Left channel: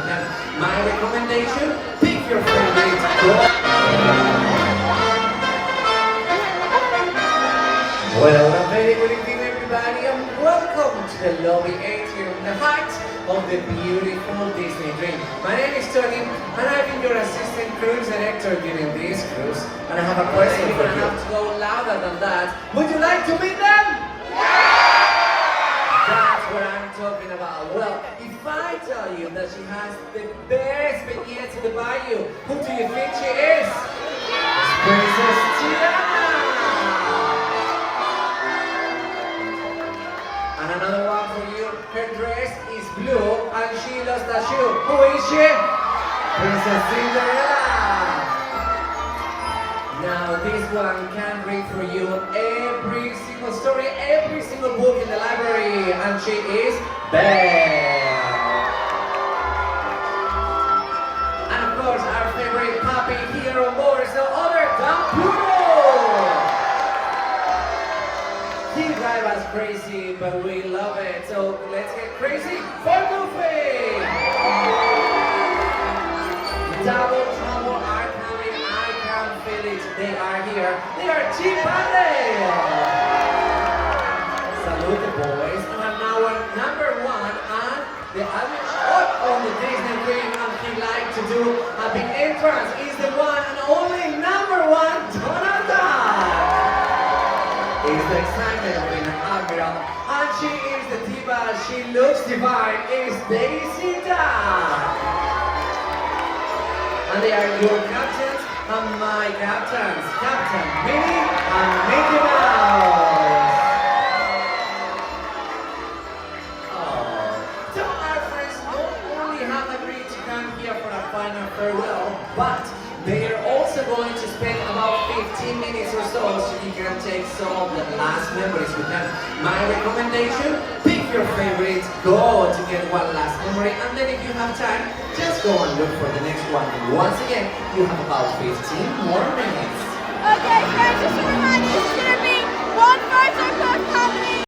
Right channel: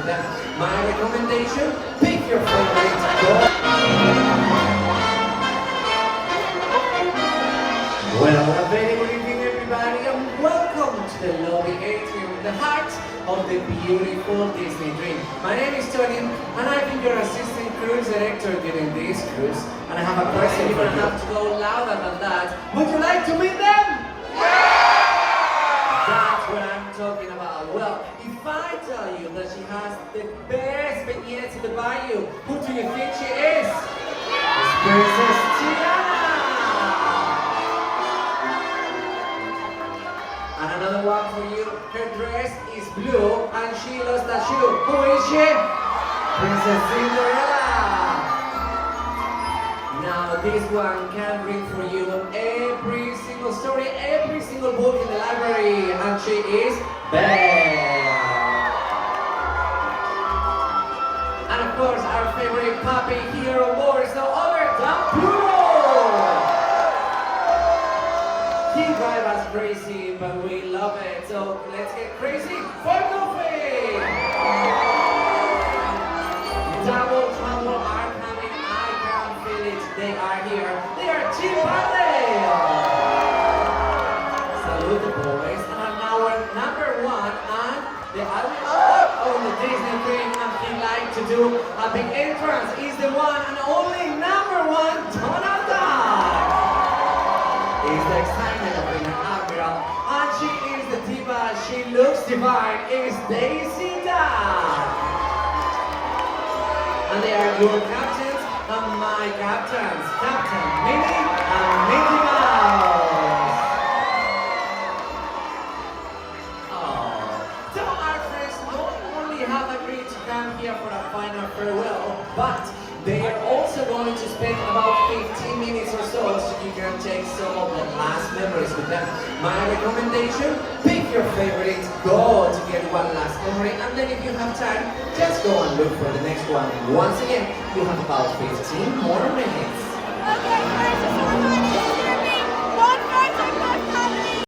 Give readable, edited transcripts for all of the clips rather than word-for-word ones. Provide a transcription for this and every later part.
with them. My recommendation, pick your favorite girl. Well, a very good evening everybody and welcome to the lovely atrium, the heart of the beautiful Disney dream. My name is Tony and I've been your assistant cruise director during this cruise. And I have a question for you. You're gonna have to go louder than that. Would you like to meet them? That's what I'm talking about. Well, if I tell you that she has the best vignettes in the bayou, who do you think she is? It's Princess Tiana! And another one for you. Her dress is blue and she lost a shoe. Who is she? Princess Cinderella! Now this one can read for you every single story, every single book in the library, and she is Belle. And of course our favorite puppy here on board is no other than Poodle. He drives us crazy, but we love it. So let's get crazy for Goofy. Double Trouble are coming, I can feel it. They are here. They are Chip and Dale. Salute the boys. And now our number one and the other on the Disney thing and they like to do a big entrance is the one and only number one, Donald Duck. Is the excitement of being an admiral. And she is the diva. She looks divine. Is Daisy Duck. And they are your captains and my captains, Captain Minnie and Mickey Mouse. Oh, so our friends not only have agreed to come here for a final farewell, but they are also going to spend about 15 minutes or so you can take some of the last memories with them. My recommendation, pick your favorite, go to get one last memory, and then if you have time, just go and look for the next one. Once again, you have about 15 more minutes. Okay, guys, if you manage to be one person per company.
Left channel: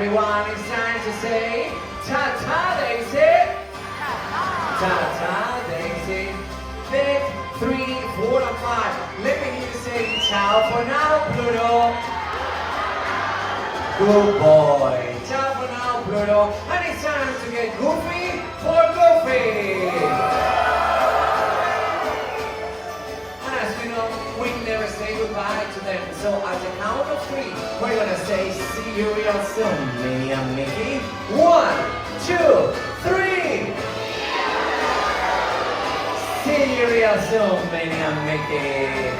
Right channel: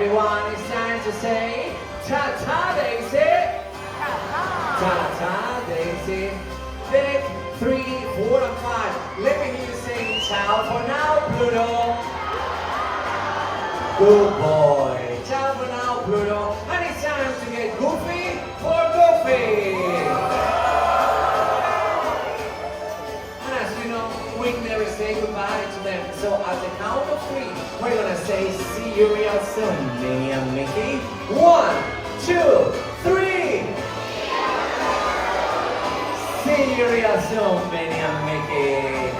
everyone, it's time to say ta-ta, Daisy. Ta-ta, Daisy. Pick 3, 4, and 5. Let me hear you say ciao for now, Pluto. Good boy. Ciao for now, Pluto. And it's time to get goofy for Goofy. And as you know, we never say goodbye to them. So at the count of 3, we're gonna say see you real soon, Minnie and Mickey. 1, 2, 3. See you real soon, Minnie and Mickey.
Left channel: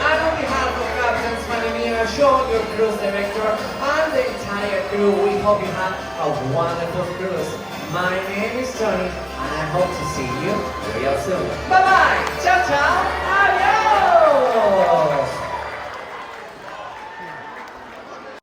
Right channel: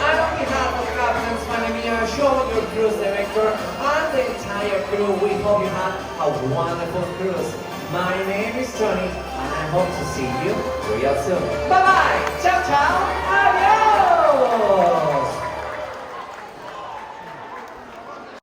And on behalf of Captain Spanimir, show your cruise director, and the entire crew, we hope you had a wonderful cruise. My name is Johnny, and I hope to see you real soon. Bye-bye! Ciao, ciao! Adios!